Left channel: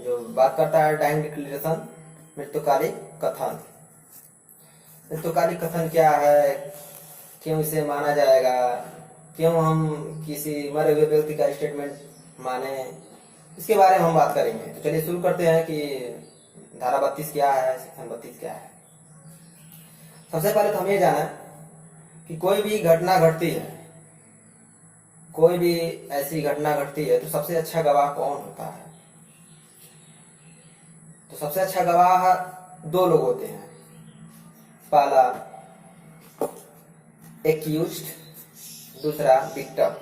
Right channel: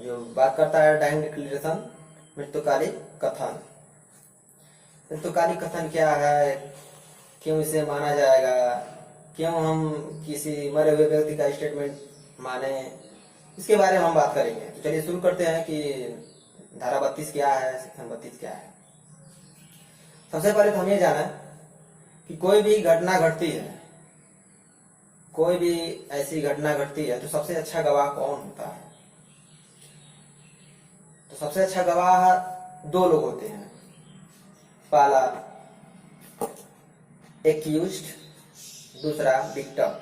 जो बात करता है डाइंग डिक्लेरेशन, मृत्युकालिक कथन। मृत्युकालिक कथन क्या है, क्यों इसे माना जाएगा, क्यों हम किसी मरे हुए व्यक्ति का स्टेटमेंट माने, इसके बारे में हम बात करेंगे। तो चलिए शुरू करते हैं कि धारा 32 क्या है, सेक्शन 32 क्या है। सबसे पहले तो हम ये जाना कि कोई भी घटना घटती है, कोई भी ऐसी घटना घटती है तो सबसे अच्छा गवाह कौन होता है। तो सबसे अच्छा गवाह दो लोग होते हैं। पहला एक्यूज्ड, दूसरा विक्टिम।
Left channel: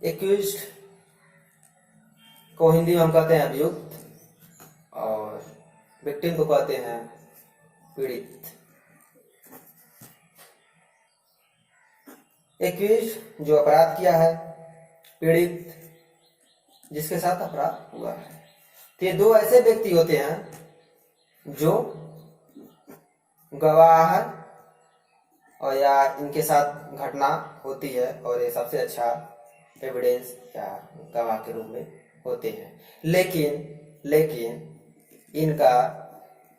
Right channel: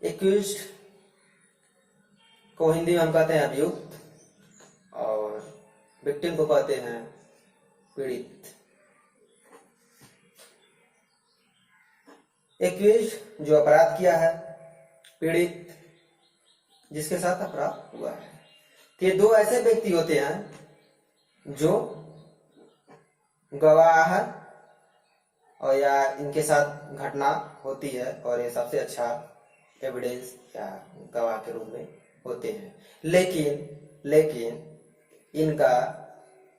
एक्यूज्ड को हिंदी में हम कहते हैं अभियुक्त, और विक्टिम को कहते हैं पीड़ित। एक्यूज्ड जो अपराध किया है, पीड़ित जिसके साथ अपराध हुआ है। तो ये दो ऐसे व्यक्ति होते हैं जो गवाह और या इनके साथ घटना होती है और ये सबसे अच्छा एविडेंस या गवाह के रूप में होते हैं। लेकिन इनका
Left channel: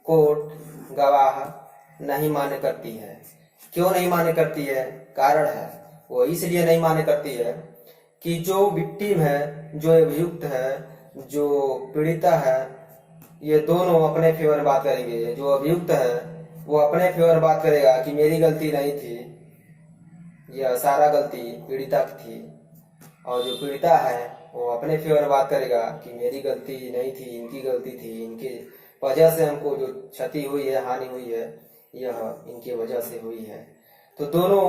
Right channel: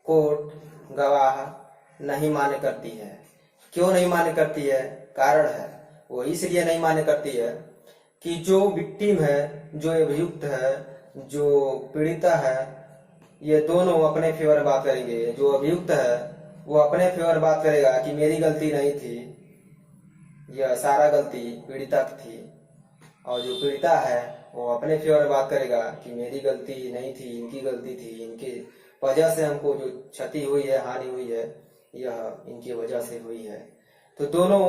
कोर्ट गवाह नहीं मान्य करती है। क्यों नहीं मान्य करती है? कारण है वो इसलिए नहीं मान्य करती है कि जो विक्टिम है, जो अभियुक्त है, जो पीड़िता है, ये दोनों अपने फेवर में बात करेंगे। जो अभियुक्त है वो अपने फेवर में बात करेगा कि मेरी गलती नहीं थी, यह सारा गलती पीड़िता की थी। और जो पीड़िता है वो अपने फेवर में बात करेगा कि मेरी गलती नहीं थी, इनकी गलती थी, इनकी वजह से हमको जो क्षति हुई है, हानि हुई है, यह इनकी वजह से हुई है। तो दोनों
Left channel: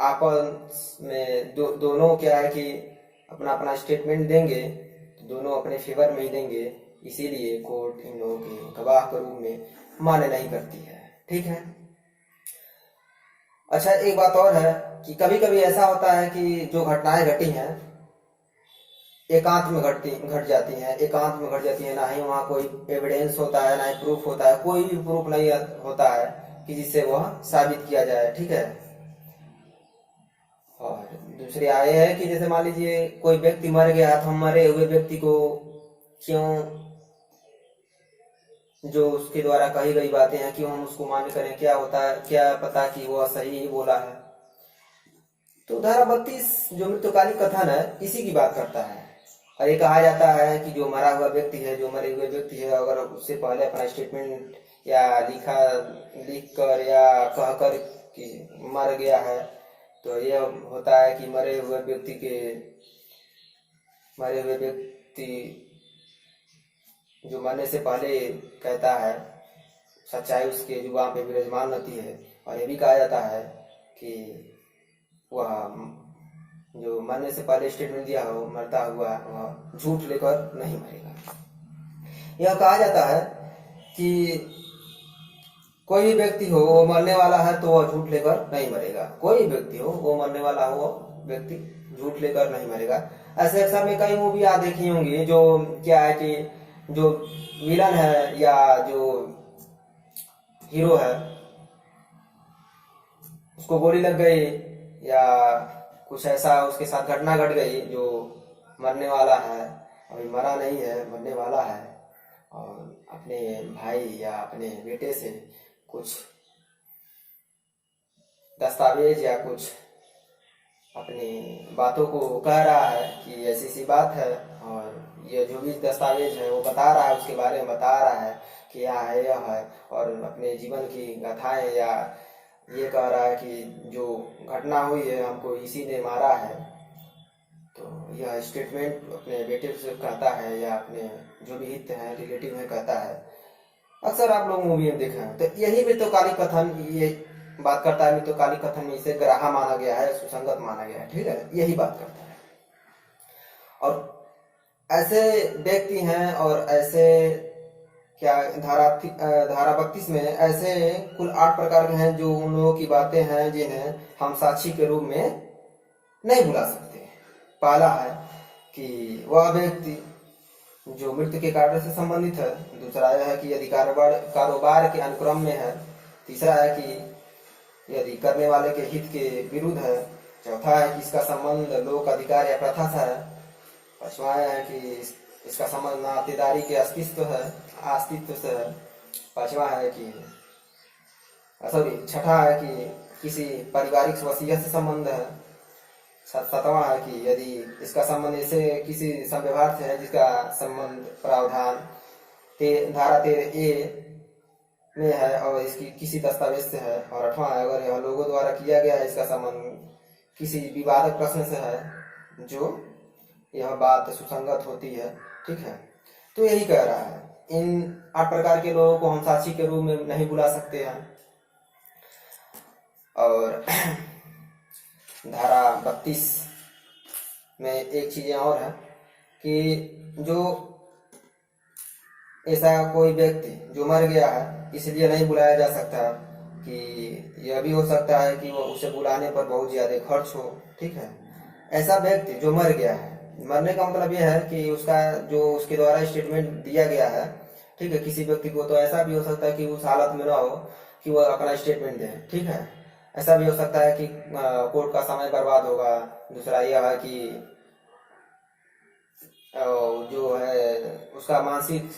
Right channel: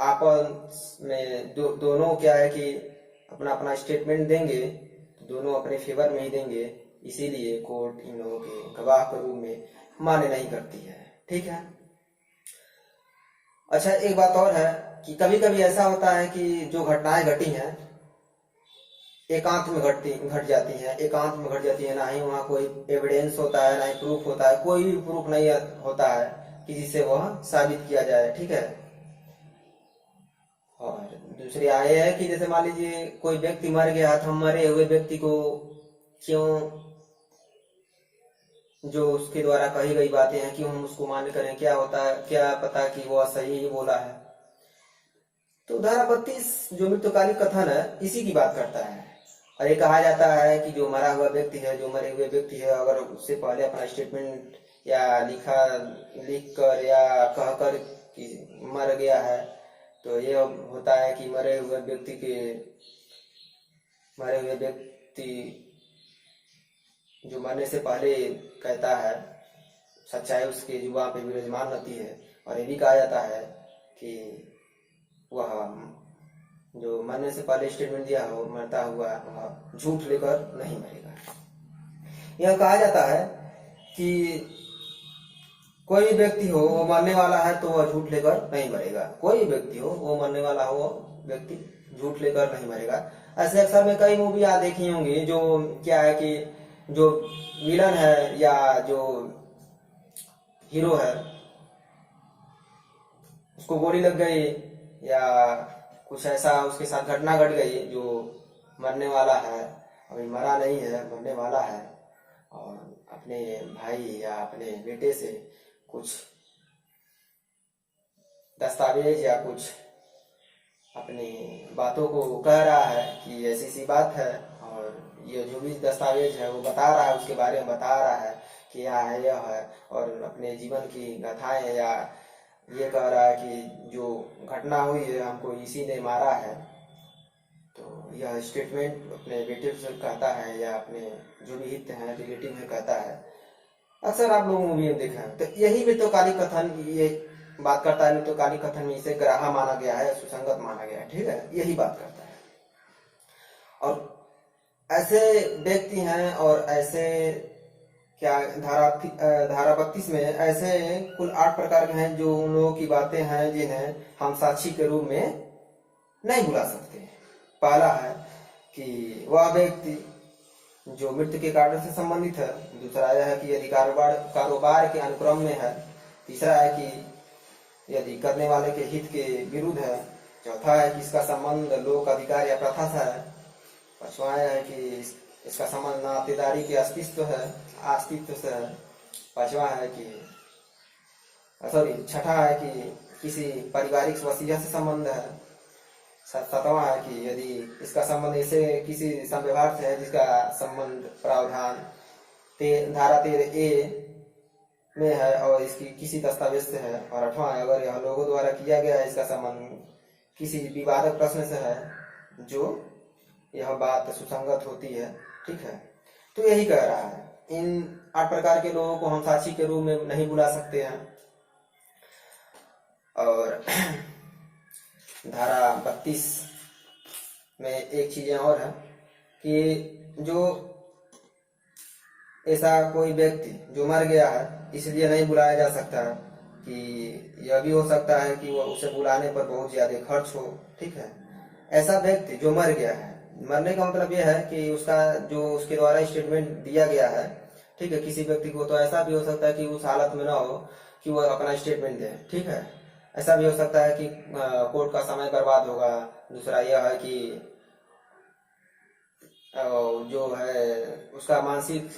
आपस में दोनों क्या है कि अपना अपना स्टेटमेंट देंगे, तो दोनों अपने फेवर में ही देंगे। इसीलिए कोर्ट इन लोगों के गवाह के रूप में मान्य नहीं करती है। ठीक है। अच्छा, एक बात और है कि कभी कभी ऐसा होता है कि जो घटनाएं घटी हैं एकांत में घट जाती हैं, ना ही वहाँ कोई एविडेंस होता है, ना ही प्रूफ होता है, कोई भी प्रूफ नहीं होता है कि जिससे वह साबित किया जाए। ठीक है। और दूसरी आय है कि जैसे मान लीजिए कोई व्यक्ति मर गया, तो हम मरे हुए व्यक्ति को क्यों, जो उसके द्वारा कही गई बातें हैं, क्यों हम उसको मान्य करें? क्या होता है, क्या पता कि वो सही ही बोला है। तो धारा 32 जो मृत्युकालिक कथन है इसी की बात करता है। और ये कहा जाता है कि जो मरा हुआ व्यक्ति है, जो मरे हुए व्यक्ति है, अगर उससे पहले अपना स्टेटमेंट या लिख कर या कहकर कि मर गया है, तो ये होता है कि मरे हुए व्यक्ति जो मरने से पहले कहता है, सच्चाई उसके जुबान पे विराजमान रहती है। और ये भी कहा जाता है कि वह जो मरने से पहले स्टेटमेंट दिया हो, मरता हुआ वह झूठ लेकर नहीं मरेगा। यह कहा जाता है कि कोई भी व्यक्ति हो वो मरने वाला है तो वह झूठ लेकर नहीं मरेगा। कोई व्यक्ति हो वो मरने वाला हो, वो व्यक्ति झूठ लेकर नहीं मरेगा। ऐसे अक्सर में कई मूवी आप देखी होंगी जो क्या है कि जो विलन है या जो हीरो है उसको गोली लग गई या कुछ ऐसा उसके साथ घटना घट गई, जो मरने वाला है, अभी मरा नहीं है, मरने वाला है, और अपने भाई या अपने बेटे से कुछ दस्तावेज या कुछ अपनी बातों को कह रहा है कि ऐसी सी बात है, और ये जो भी दस्तावेज है वो बता रहा है, उसके बारे में बता रहा है कि यह है, यह है, और अपने जीवन की गाथाएं या ये कह रहा है कि जो घटना हुई है हमको इसी ने मारा है। तो यह स्टेटमेंट अपने बेटे से कहता है या अपने जो भी हित हैं, रिलेटिव है, कहता है। अक्सर आप लोग मूवी में देखा है। तो यही मृत्युकालिक कथन ये बात करता है। मृत्युकालिक कथन में इसे ग्राह्य माना गया है, सुसंगत माना गया है। ठीक है, यही बात करता है। और ऐसे व्यक्ति हैं और ऐसे क्या धारा 32 में ऐसे कुल 8 प्रकार के हैं जो उन लोगों की बातें हैं जिन्हें हम साक्षी के रूप में नहीं बुला सकते। पहला है कि वह व्यक्ति जो मृत्यु के कारण से संबंधित है। दूसरा यह है कि यदि कारोबार के अनुक्रम में है। तीसरा है कि यदि करने वाले के हित के विरुद्ध है। चौथा है कि इसका संबंध लोक अधिकार या प्रथा से है। पांचवा आया है कि इसका संबंध नातेदारी के अस्तित्व से है। पांचवा है कि सॉरी छठा है कि किसी पारिवारिक वसीयत से संबंध है। सातवां है कि यदि इसका संबंध ऐसे किसी संव्यवहार से है जिसका संबंध प्रावधान धारा 13A में है और इसकी किसी दस्तावेज से है। और आठवां है अगर यह लोगों द्वारा किया गया है, इसका संबंध किसी विवादक प्रश्न से है जो यह बात सुसंगत होती है। ठीक है, तो यही कह रहा है इन 8 प्रकार के लोगों को हम साक्षी के रूप में नहीं बुला सकते हैं। और धारा 32 में एक चीजें और है कि जो ऐसा कोई व्यक्ति जो मर गया है इसलिए नहीं बुलाया जा सकता, कि यह भी हो सकता है कि वो उसे बुलाने पर बहुत ज्यादा खर्च हो। ठीक है, ऐसा व्यक्ति जो मर गया है, मरने का मतलब यह है कि उसका जो उसके द्वारा स्टेटमेंट दिया गया है, ठीक है, किसी व्यक्ति को तो ऐसा भी हो सकता है कि उस हालत में ना हो कि वह अपना स्टेटमेंट दे। ठीक है, ऐसा भी हो सकता है कि कोर्ट का समय बर्बाद होगा। दूसरा यह है कि जो है उसका मानसिक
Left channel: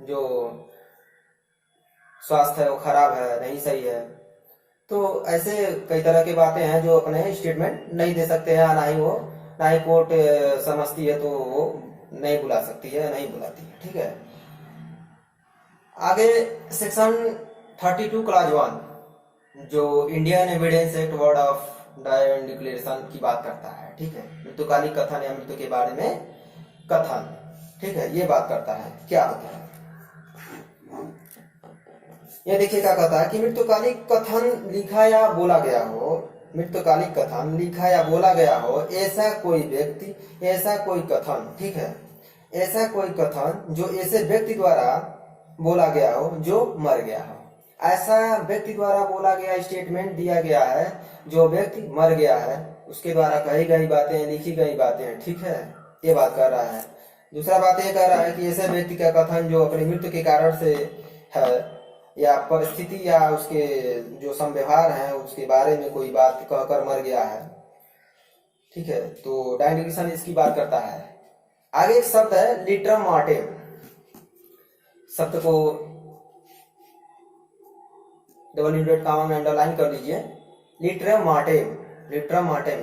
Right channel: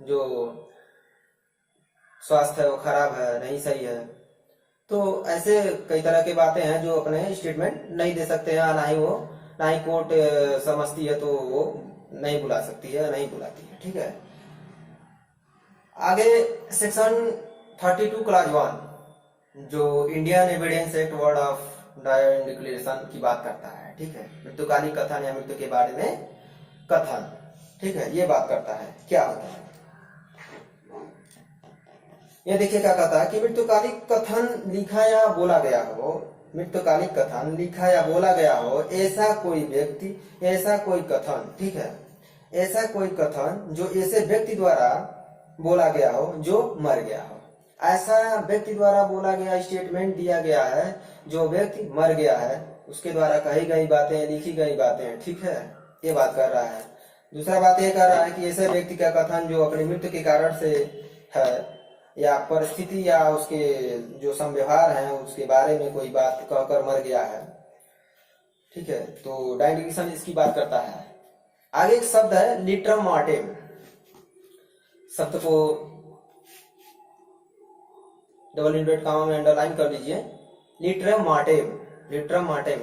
जो स्वास्थ्य है वो खराब है, नहीं सही है। तो ऐसे कई तरह की बातें हैं जो अपने स्टेटमेंट नहीं दे सकते हैं, ना ही कोर्ट समझती है तो वो नहीं बुला सकती है, नहीं बुलाती है। ठीक है, आगे सेक्शन 32 क्लॉज 1 जो Indian evidence act word of डायन डिक्लेरेशन की बात करता है। ठीक है, मृत्युकालिक कथन या मृत्यु के बारे में कथन, ठीक है, ये बात करता है क्या होता है। ये देखिए क्या कहता है कि मृत्युकालिक कथन लिखा या बोला गया हो, मृत्युकालिक कथन लिखा या बोला गया हो ऐसा कोई व्यक्ति, ऐसा कोई कथन, ठीक है, ऐसा कोई कथन जो ऐसे व्यक्ति द्वारा बोला गया हो जो मर गया हो। ऐसा व्यक्ति द्वारा बोला गया स्टेटमेंट दिया गया है जो व्यक्ति मर गया है, उसके द्वारा कही गई बातें, लिखी गई बातें। ठीक है, ये बात कर रहा है। दूसरा बात ये कह रहा है कि ऐसे व्यक्ति का कथन जो अपनी मृत्यु के कारण से है या परिस्थिति या उसके जो संव्यवहार है उसके बारे में कोई बात कहकर मर गया है। ठीक है, तो डायन डिक्लेरेशन इसकी बात करता है। आगे एक शब्द है लिटरम मॉर्टेम, शब्द को डबल इंवर्टेड कॉमा में अंडरलाइन कर लीजिए। लिटरम मॉर्टेम, लिटरम मॉर्टेम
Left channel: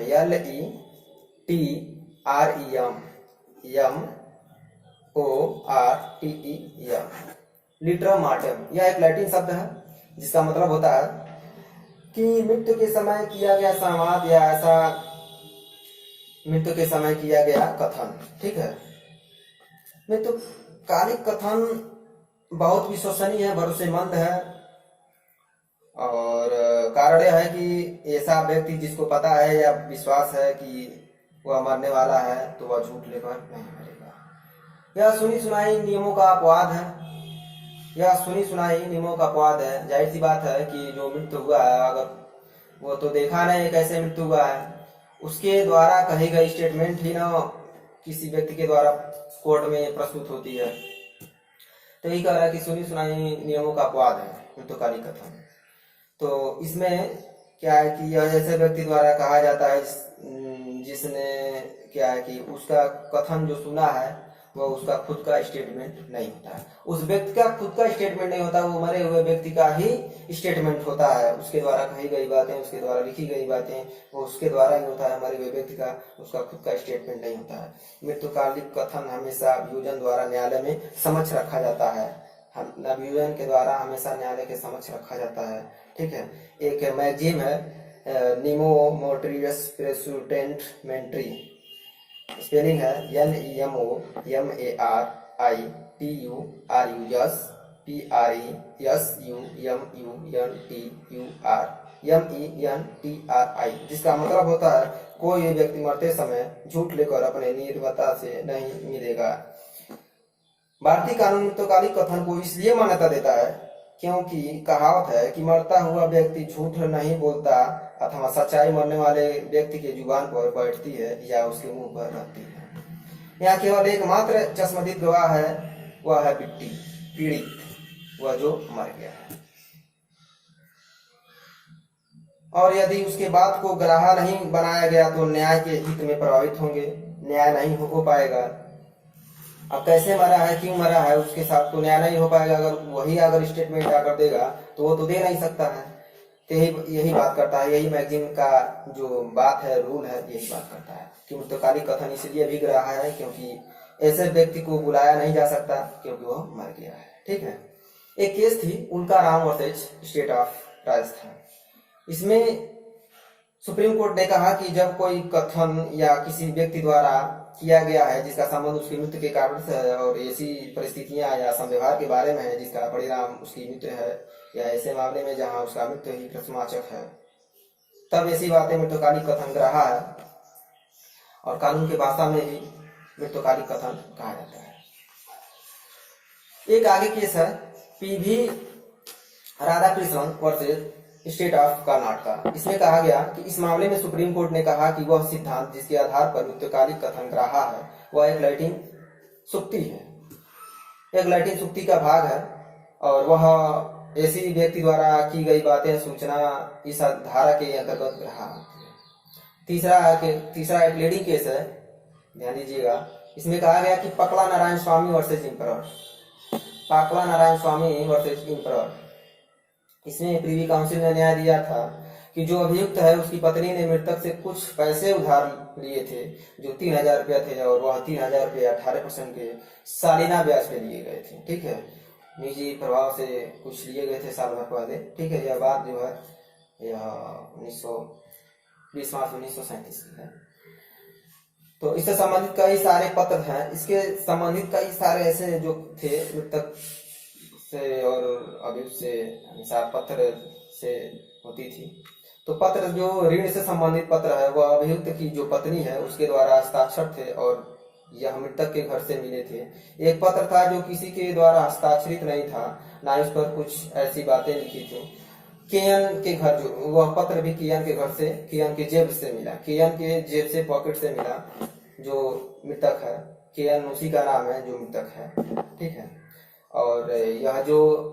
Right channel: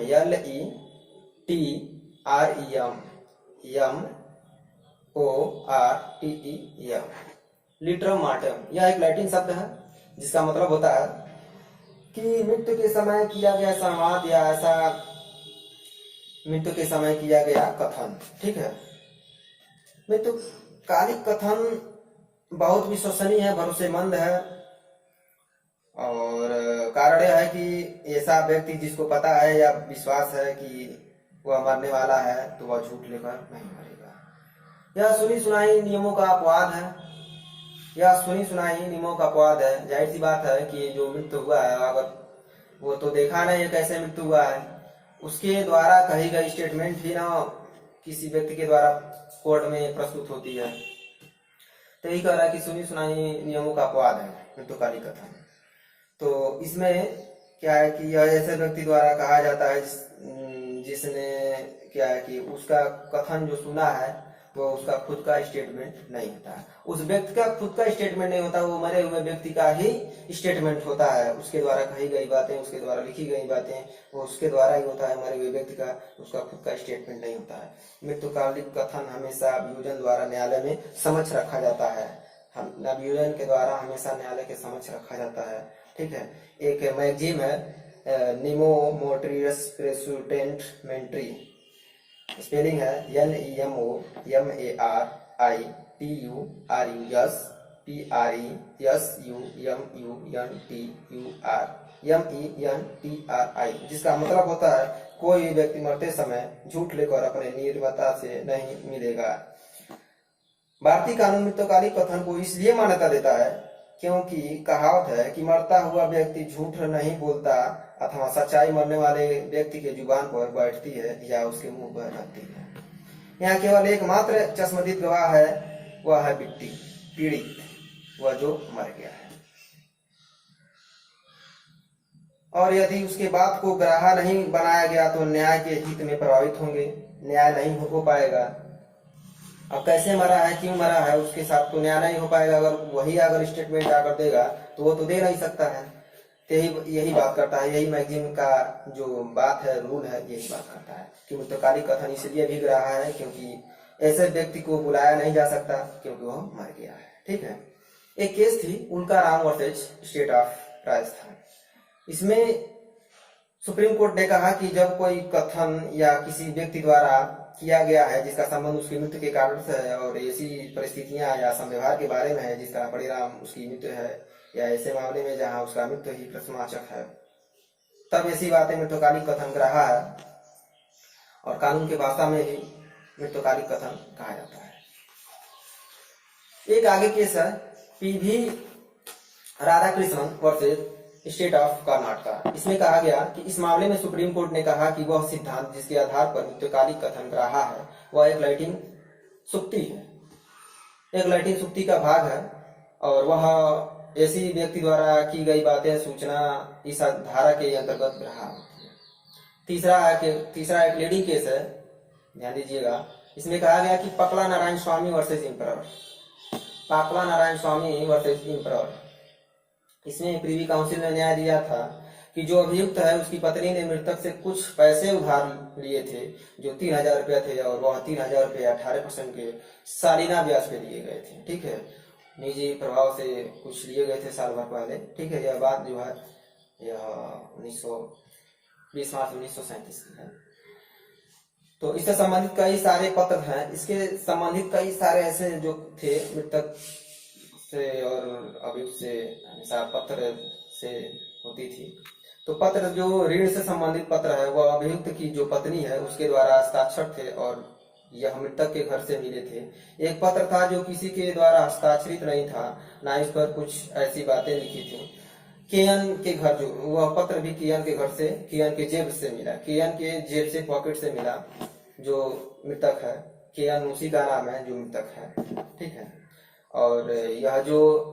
LETRMORTEM, लिटरम मॉर्टेम यह एक लैटिन शब्द है जिसका मतलब होता है कि मृत्यु के समय किया गया संवाद या ऐसा मृत्यु के समय किया गया कथन। ठीक है, मृत्युकालिक कथन बहुत विश्वसनीय है, भरोसेमंद है। और कारण यह है कि ऐसा व्यक्ति जिसको पता है या विश्वास है कि वह मरने वाला है तो वह झूठ लेकर नहीं मरेगा। यह सुनी सुनाई नियमों का अपवाद है, यह सुनी सुनाई नियमों का अपवाद है। जाहिर सी बात है कि जो मृत्यु हुआ है अगर वो तो देखा नहीं कैसे मृत्यु हुआ है, उसके द्वारा कही गई स्टेटमेंट ही ना किसी व्यक्ति के द्वारा कोर्ट में प्रस्तुत होती है। तो यही कह रहा है कि सुनी सुनाई नियमों का अपवाद है मृत्युकालिक कथन। तो इसमें क्या है कि यह ऐसे व्यक्ति द्वारा कहा जाता है जिसने क्या है कि उसका कथन जो सुना है वह उसका खुद का स्टेटमेंट नहीं होता है, उस व्यक्ति का खुद का स्टेटमेंट नहीं होता, वो मरे हुए व्यक्ति का ही स्टेटमेंट होता है। उसके द्वारा कही गई बातें, उसके द्वारा लिखी गई बातें वो उसके द्वारा ही होता है, मरे हुए व्यक्ति का उसका खुद का स्टेटमेंट नहीं होता है। मृत्युकालिक कथन हमेशा अभियोजन द्वारा न्यायालय में समक्ष रखा जाता है, अभियोजन के द्वारा हमेशा न्यायालय के समक्ष रखा जाता है। ठीक है, एक मैगजीम है निमो मोट्रियस प्रेसुटेंट मेंट्री, स्पेलिंग है NEMOPRITURIUSPRESUMUNTURMENTRI, जिसका मतलब होता है कोई व्यक्ति मरते समय झूठ लेकर अपने निर्भरता से नहीं मिलेगा। भारतीय कानून मृत्युकालिक कथन को इसलिए मान्यता देता है क्योंकि कहावत है कि मरता हुआ व्यक्ति झूठ नहीं बोलता अथवा सच्चाई मरने वाले व्यक्ति के जुबान पर बैठती है या उसके मुंह पर रहती है। यहाँ केवल एकमात्र चश्मदीद गवाह है, वह है पीड़ित, वह जो मर गया है। और यदि उसके बात को ग्राह्य नहीं बनाया गया तो न्याय के हित में प्रभावित होंगे, न्याय नहीं हो पाएगा। अब कैसे मरा है, क्यों मरा है, उसके साथ तो न्याय नहीं हो पाएगा। अगर वही अगर स्टेटमेंट आकर देगा तो वो तो दे नहीं सकता है। तो यही यही बात करता है, यही मैगजीन का जो बात है, रूल है, यही बात करता है कि मृतकालिक कथन इसलिए भीग रहा है क्योंकि ऐसे व्यक्ति को बुलाया नहीं जा सकता क्योंकि वह मर गया है। ठीक है। एक केस थी उल्का Ram versus state of Rajasthan. इसमें सुप्रीम कोर्ट ने कहा कि जब कोई कथन या किसी व्यक्ति द्वारा किया गया है जिसका संबंध उसकी मृत्यु के कारण से है और ऐसी परिस्थितियां या संव्यवहार के बारे में है जिसका परिणाम उसकी मृत्यु है, या ऐसे मामले में जहां उसका मृत्यु ही प्रश्नवाचक है, तब ऐसी बातें मृत्युकालिक कथन रहा है और कानून की भाषा में ही मृत्युकालिक कथन कहा जाता है। एक आगे केस है PV Radhakrishnan versus state of Karnataka. इसमें कहा गया कि इस मामले में सुप्रीम कोर्ट ने कहा कि वह सिद्धांत जिसके आधार पर मृत्युकालिक कथन रहा है वह एक लैटिन सुक्ति है, एक लैटिन सुक्ति का भाग है और वह ऐसी व्यक्ति द्वारा की गई बातें सूचना इस धारा के अंतर्गत रहा। तीसरा एक लेडी केस है, ध्यान दीजिएगा। इसमें कहा गया कि पकला नारायण स्वामी वर्सेज इम्परर, पाकला नारायण स्वामी वर्सेज इम्परर। इसमें प्रीवी काउंसिल ने न्याय दिया था कि जो अभियुक्त है उसकी पत्नी ने मृतक से कुछ पैसे उधार लिए थे जो 3,000 रुपया थे और वह 3,000 रुपये 18% के सालाना ब्याज पे लिए गए थे। ठीक है, निजी प्रभाव से कुछ लिए गए थे साल भर पहले। ठीक है, यह बात जो है यह 20 मार्च 1937 की है। तो इससे संबंधित कई सारे पत्र हैं, इसके संबंधित कई सारे ऐसे जो थे मृतक से और अभियुक्त से हिसाब पत्र से होती थी। तो पत्र जो ऋण से संबंधित पत्र है वह अभियुक्त की जो पत्नी है उसके द्वारा हस्ताक्षर थे और यह मृतक के घर से मिले थे। एक पत्र था जो किसी के द्वारा हस्ताक्षरित नहीं था, ना इस पर कुछ ऐसी बातें लिखी थी। केएन के घर, जो वह पत्र भी केएन के घर से, केएन के जेब से मिला, केएन के जेब से पॉकेट से मिला जो मृतक है। केएन उसी का नाम है जो मृतक है। ठीक है, और यह जो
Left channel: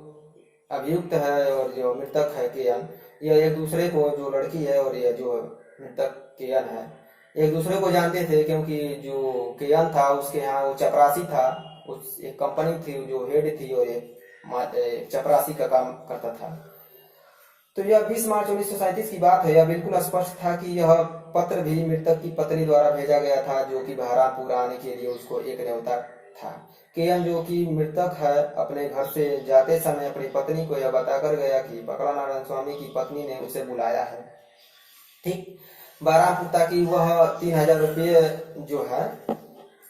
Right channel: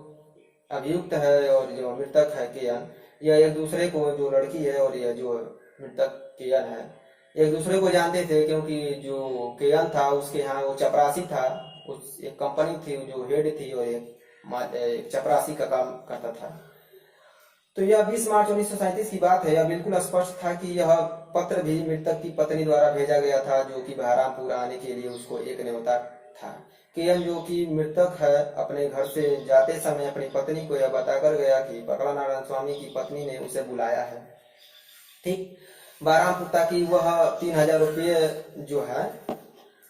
अभियुक्त है और जो मृतक है केएन, यह एक दूसरे को, जो लड़की है और यह जो मृतक केएन है, एक दूसरे को जानते थे क्योंकि जो केएन था उसके यहाँ वो चपरासी था, उस एक कंपनी थी जो हेड थी और एक चपरासी का काम करता था। तो यह 20 मार्च 1937 की बात है। यह बिल्कुल स्पष्ट था कि यह पत्र भी मृतक की पत्नी द्वारा भेजा गया था जो कि बहरामपुर आने के लिए उसको एक न्योता था। केएन जो कि मृतक है अपने घर से जाते समय अपनी पत्नी को यह बताकर गया कि पकला नारायण स्वामी की पत्नी ने उसे बुलाया है। ठीक, बहरामपुर ताकि वह 3,000 रुपये जो है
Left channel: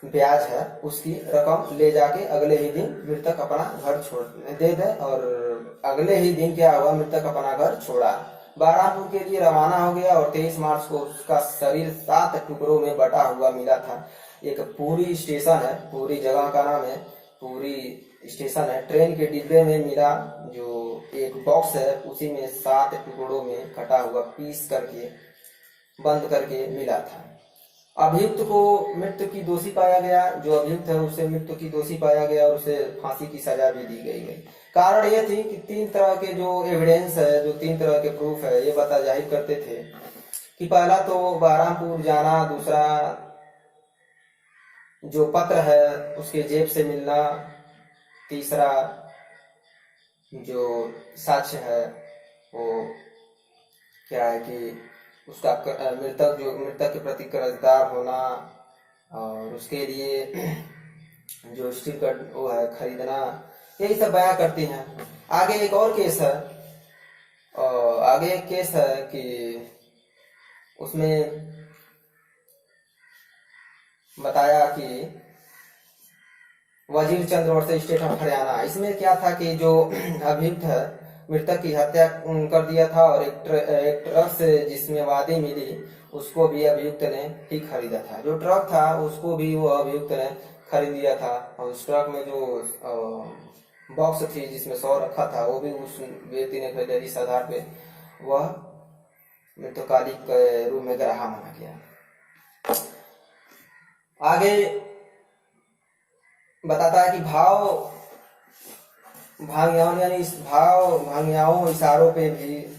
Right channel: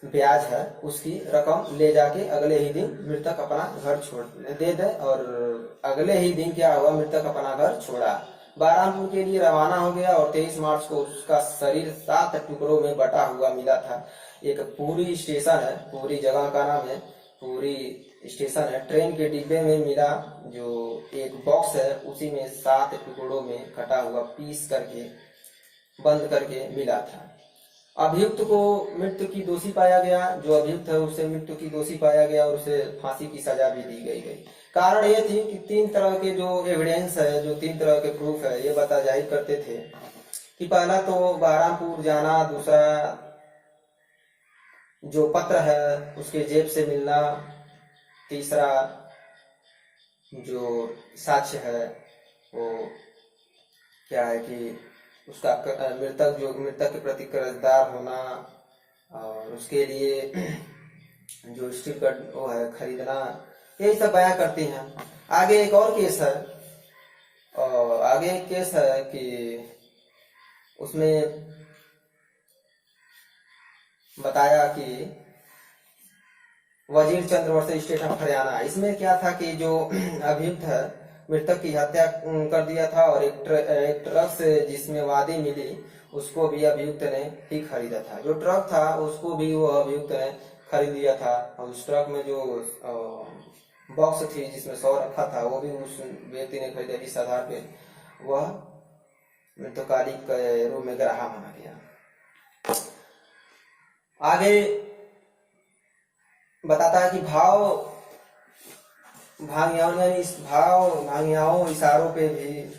ब्याज है उसकी रकम ले जाके अगले ही दिन मृतक अपना घर छोड़ दे और अगले ही दिन क्या हुआ, मृतक अपना घर छोड़ा, बहरामपुर के लिए रवाना हो गया और 23 मार्च को उसका शरीर 7 टुकड़ों में बटा हुआ मिला था। एक पूरी स्टेशन है, पूरी जगह का नाम है पूरी स्टेशन है, ट्रेन के डिब्बे में मिला जो एक बॉक्स है उसी में 7 टुकड़ों में कटा हुआ पीस करके बंद करके मिला था। अभियुक्त को मृत्यु की दोषी पाया गया, जो अभियुक्त है उसे मृत्यु की दोषी पाया गया और उसे फांसी की सजा भी दी गई। कारण यह थी कि 3 तरह के जो एविडेंस है, जो 3 तरह के प्रूफ है, ये बता जाहिर करते थे कि पहला तो बहरामपुर जाना, दूसरा जो पत्र है उसके जेब से मिलना, तीसरा जो साक्ष्य है वो क्या है कि उसका मृतक के प्रति कर्जदार होना और उसके लिए जो स्ट्रिप का वो है खरीदना, यही सब बयां करती हैं। आगे एक और केस है, और आगे एक केस है कि उसमें बताया कि वजीर चंद्र वर्सेज स्टेट ऑफ हरियाणा। इसमें क्या था कि जो अभियुक्त है मृतक की हत्या कर दिया था और एक ट्रक से जिसमें वादी मिली उसको भी अभियुक्त ने ही खरीदा था। जो ट्रक था उसको भी वो अभियुक्त ने खरीद लिया था और उस ट्रक में जो बॉक्स थी जिसमें 100 रखा था वो भी उस व्यक्ति ने खरीदा। इस आधार पे वह मृतकालिक के रूप में ग्राहा माना गया। आगे बताता है कि भांगियाओं इशारों पे भी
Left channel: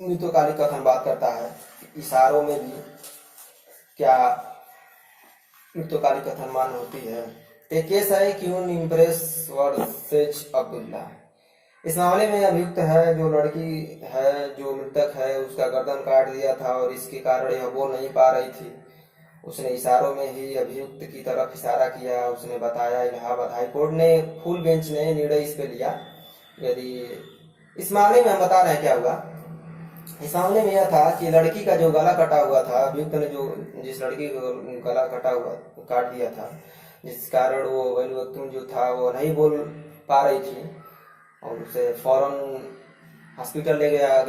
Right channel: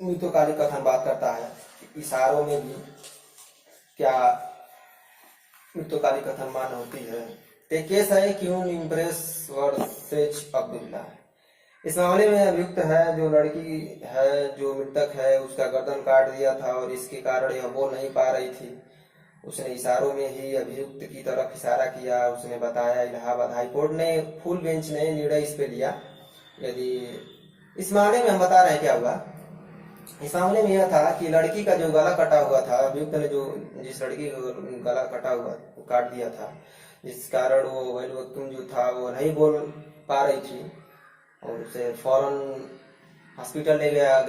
मृतकालिक कथन बात करता है। इशारों में भी क्या मृतकालिक कथन मान्य होती है। ते केस है क्यून इम्प्रेस वर्सेज अब्दुल्ला। इस मामले में अभियुक्त है जो लड़की है, जो मृतक है, उसका गर्दन काट दिया था और इसके कारण यह बोल नहीं पा रही थी। उसने इशारों में ही अभियुक्त की तरफ इशारा किया। उसने बताया। इलाहाबाद हाईकोर्ट ने फुल बेंच ने निर्णय इस पे लिया। यदि इस मामले में हम बता रहे हैं क्या हुआ। इस मामले में यह था कि लड़की का जो गला कटा हुआ था, अभियुक्त ने जो जिस लड़की का गला कटा हुआ काट दिया था, जिस कारण वो वकील जो था वो नहीं बोल पा रही थी और उसे फौरन हॉस्पिटल ले जाया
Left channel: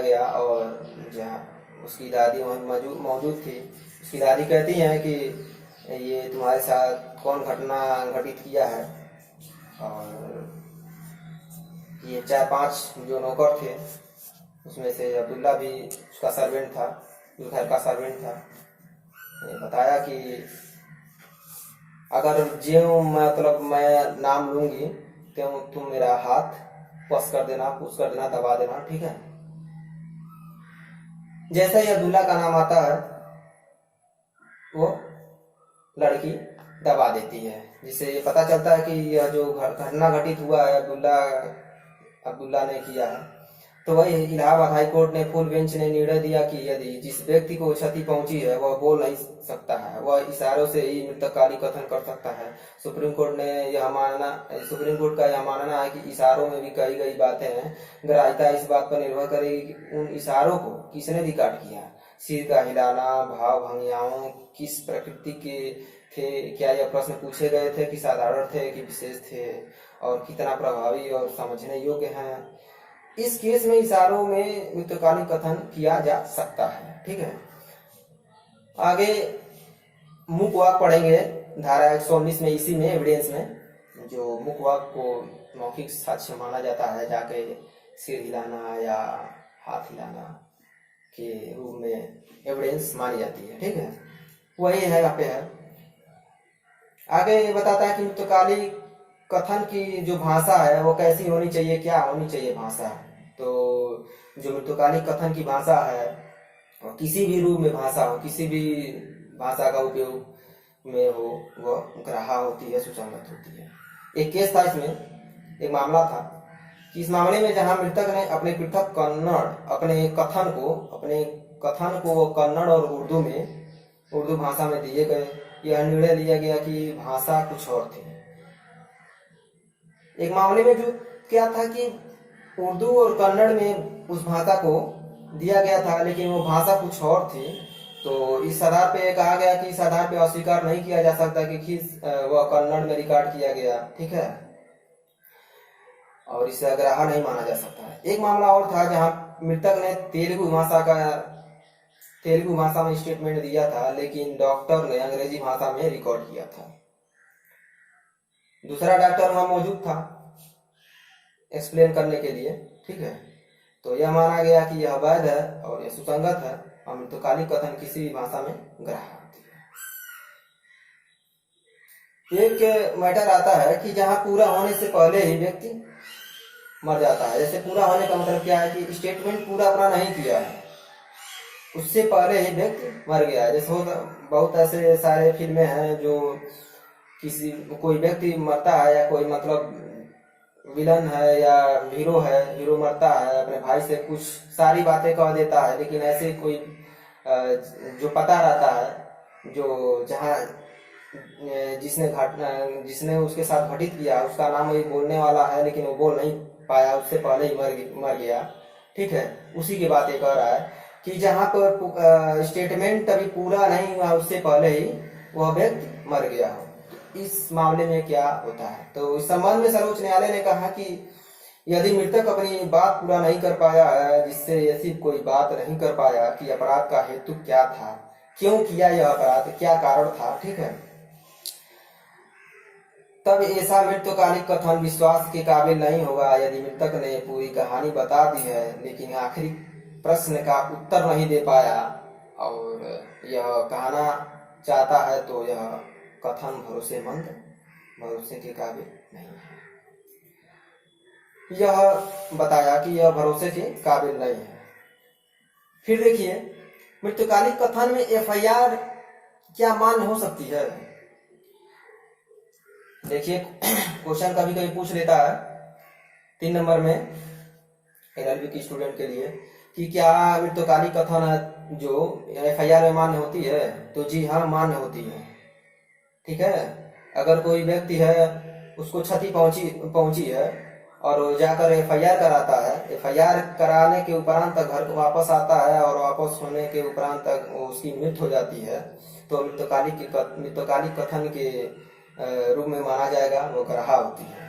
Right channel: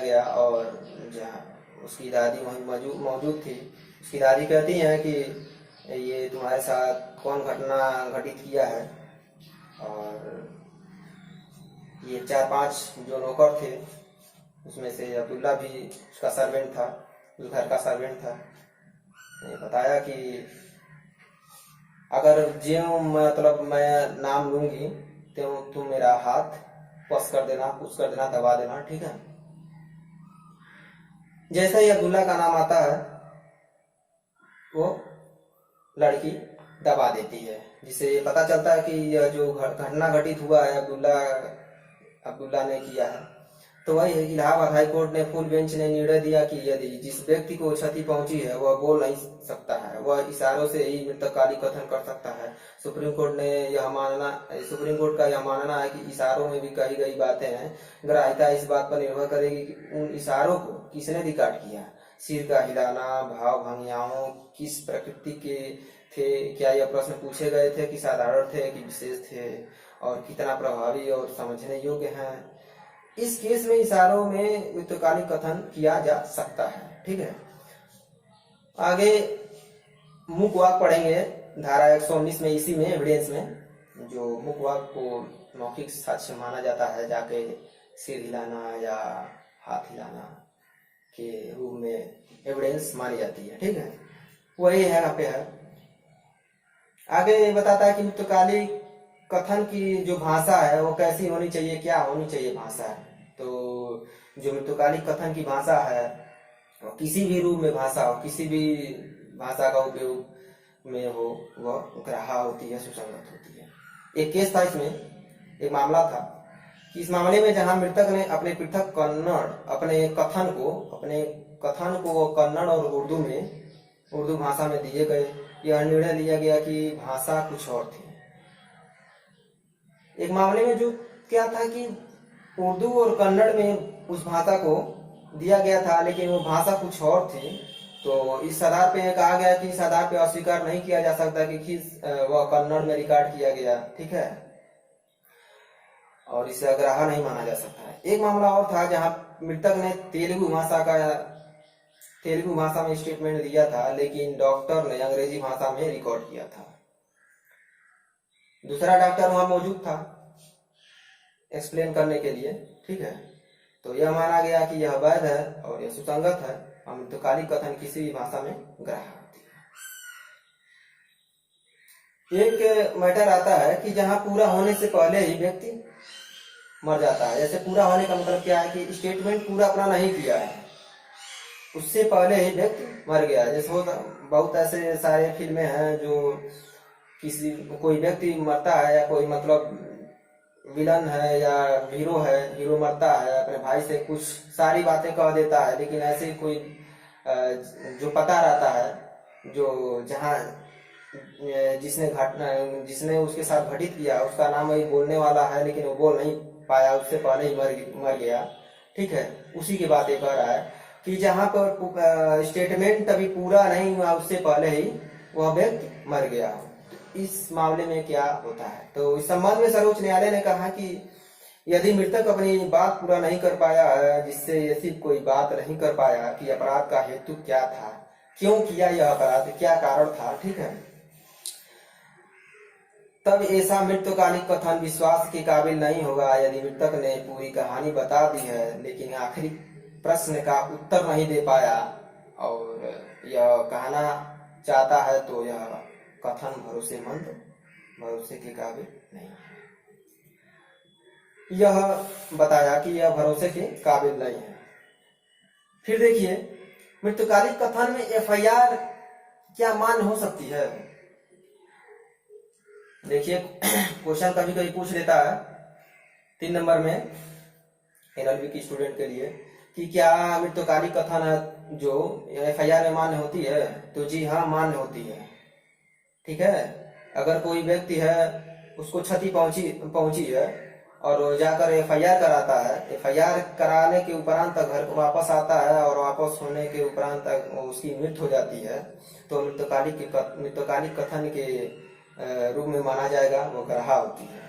गया और जहाँ उसकी दादी वहीं मौजूद थी। उसकी दादी कहती हैं कि ये तुम्हारे साथ कौन घटना घटित किया है। और ये 4-5 जो नौकर थे उसमें से अब्दुल्ला भी उसका सर्वेंट था, उस घर का सर्वेंट था। बताया कि अगर जो मतलब मैं नाम लूंगी तो तुम मेरा हाथ पुश कर देना, दबा देना, ठीक है। जैसे ही अब्दुल्ला का नाम आता है वो लड़की दबा देती है, जिससे ये पता चलता है कि यह जो घटना घटित हुआ है अब्दुल्ला ने किया है। तो वही इलाहाबाद हाईकोर्ट ने फुल बेंच ने निर्णय दिया कि यदि जिस व्यक्ति को क्षति पहुंची है वह बोल नहीं सकता है, वह इशारों से ही मृतकाली कथन कर सकता है। सुप्रीम कोर्ट का यह मानना है कि इशारों में भी कही गई बातें हैं। ग्राह्यता इस बात पर निर्भर करेगी कि उन इशारों को किसने रिकॉर्ड किया। सिर का हिलाना, भाव भंगियाओं किस प्रकृति के थे, क्या यह प्रश्न पूछे गए थे कि साधारण थे कि विशेष थे, और कितना प्रभावी और समझने योग्य हैं। इस केस में इशारों में मृत्युकालीन कथन किया जा सकता है, ठीक है। आगे मुकवाक पढ़ेंगे धारा 119 में, इसी में एविडेंस में जो मुकवाक को मौखिक साक्ष्य माना जाता है, जाके सिर हिलाना या हाथ हिलाना के रूप में एविडेंस मानी जाती है, ठीक है। वही है यहाँ पे है। आगे ये बताता है कि मृत्युकालीन कथन की जो भाषा है वो कैसी होनी चाहिए, क्या होनी चाहिए भाषा। तो जो मृत्युकालीन कथन की भाषा है वो किसी भी रूप में भाषा हो, किसी भी भाषा का उपयोग में हो, वह ग्राह्य होती है, सुसंगत होती है। एक केस था, इसमें एक मामला था कि इस मामले में जहां मृतक ने अपने पृथक अपने कथन को कन्नड़ और उर्दू भाषा में दिए गए। यह निर्णय लिया गया कि भाषा कुछ और थी। एक मामले में जो क्या था कि उर्दू और कन्नड़ में उस भाषा को दिया गया था, लेकिन वो भाषा कुछ और थी। तो इस आधार पे कहा गया कि इस आधार पे अस्वीकार नहीं किया जा सकता कि वह कन्नड़ में रिकॉर्ड किया गया, ठीक है, और इसे अग्राह्य नहीं माना जा सकता है। एक मामला और था जहां मृतक ने तेलुगु भाषा में स्टेटमेंट दिया था, लेकिन डॉक्टर ने अंग्रेजी भाषा में रिकॉर्ड किया था। दूसरा डॉक्टर वहां मौजूद था एक्सप्लेन करने के लिए, ठीक है। तो यह माना गया कि यह वैध है और यह सुसंगत है और मृत्युकालीन कथन किसी भी भाषा में ग्राह्य होती है। एक मैटर आता है कि जहां पूरा होने से पहले ही व्यक्ति मर जाता है। जैसे पूरा होने का मतलब क्या है कि स्टेटमेंट पूरा अपना नहीं किया है, उससे पहले ही व्यक्ति मर गया। जैसे बहुत ऐसे सारे फिल्में हैं जो कोई व्यक्ति मरता है या कोई मतलब विलन है या हीरो मरता है, अपने भाई से कुछ सारी बातें कह देता है, लेकिन ऐसे कोई जो पता रहता है जो जहाँ जिसने उसके साथ घटित किया उसका नाम वही बोलने वाला है, लेकिन वो बोल नहीं पाया, उससे पहले ही मर गया, ठीक है। उसी की बात कह रहा है कि जहाँ पर स्टेटमेंट अभी पूरा नहीं हुआ उससे पहले ही वह व्यक्ति मर गया हो। इस मामले में क्या होता है। तो इस संबंध में सर्वोच्च न्यायालय ने कहा कि यदि मृतक अपनी बात पूरा नहीं कर पाया है, जिससे ऐसी कोई बात नहीं कर पाया कि अपराध का हेतु क्या था, क्यों किया यह अपराध, क्या कारण था, ठीक है, तब ऐसा मृत्युकालिक कथन विश्वास के काबिल नहीं होगा। यदि मृतक ने पूरी कहानी बता दी है लेकिन आखिरी प्रश्न का उत्तर नहीं दे पाया और यह कहना चाहता है तो यह कथन भरोसे के काबिल नहीं है। यह बताया कि यह भरोसे के काबिल नहीं है। फिर देखिए मृत्युकालिक कथन में एफआईआर क्या मान्य हो सकती है। देखिए क्वेश्चन कभी कभी पूछ लेता है 3 नंबर में एलएलबी की स्टूडेंट के लिए कि क्या मृत्युकाली कथन है जो एफआईआर में मान्य होती है? तो जी हाँ, मान्य होती है। ठीक है, अगर कोई व्यक्ति है उसको क्षति पहुंची पहुंची है और वो जाकर एफआईआर कराता है, एफआईआर कराने के उपरांत तक घर को वापस आता है और वापस होने के उपरांत तक उसकी मृत्यु हो जाती है, तो मृत्युकाली कथन के रूप में माना जाएगा, वो ग्राह्य होती है।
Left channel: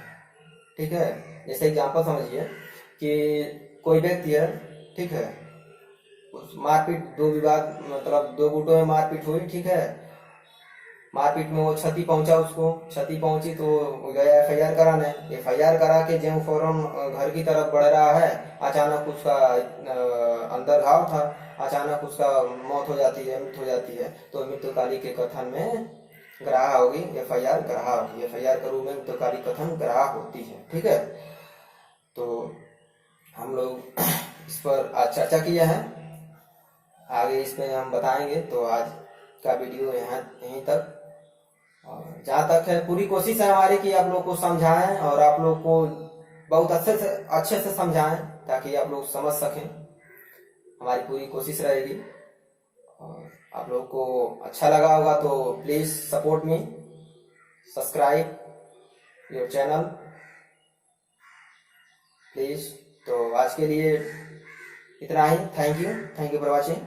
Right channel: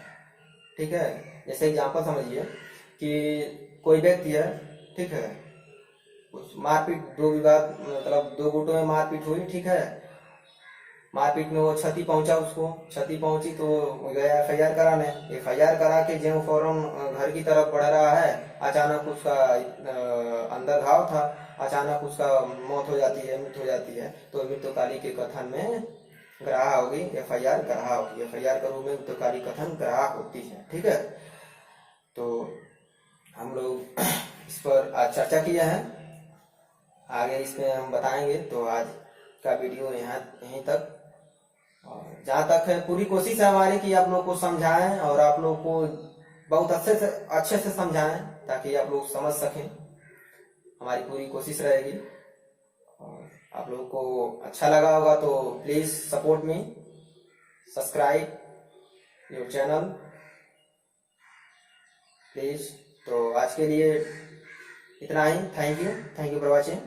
ठीक है, जैसे एग्जाम्पल समझिए कि कोई व्यक्ति है, ठीक है, उस मारपीट, दो विवाद मतलब दो गुटों में मारपीट हुई, ठीक है, मारपीट में वो क्षति पहुंचा, उसको क्षति पहुंची तो गया एफआईआर कराने, एफआईआर करा के जो फौरन घर की तरफ बढ़ रहा है, अचानक उसका अंदर घाव था, अचानक उसका मौत हो जाती है, मृत्यु हो जाती है, तो मृत्युकाली के कथन में ग्राह्य होगी, एफआईआर ग्राह्य होगी, एफआईआर के रूप में मृत्युकाली कथन ग्राह्य होती है। ठीक है, तो हम लोग इस पर आज चर्चा किए हैं, आगे इसमें हम बताएंगे। तो आज का वीडियो यहीं तक, और जहाँ तक है पूरी कोशिश है हमारी कि आप लोग को समझाएं और आप लोग को बहुत अच्छे से समझाएं ताकि आप लोग समझ सकें, हमारी पूरी कोशिश रहेगी। और आप लोग को अच्छा लगा होगा तो please support me, subscribe your channel please. तो आज के लिए इतना ही, थैंक यू फॉर वॉचिंग।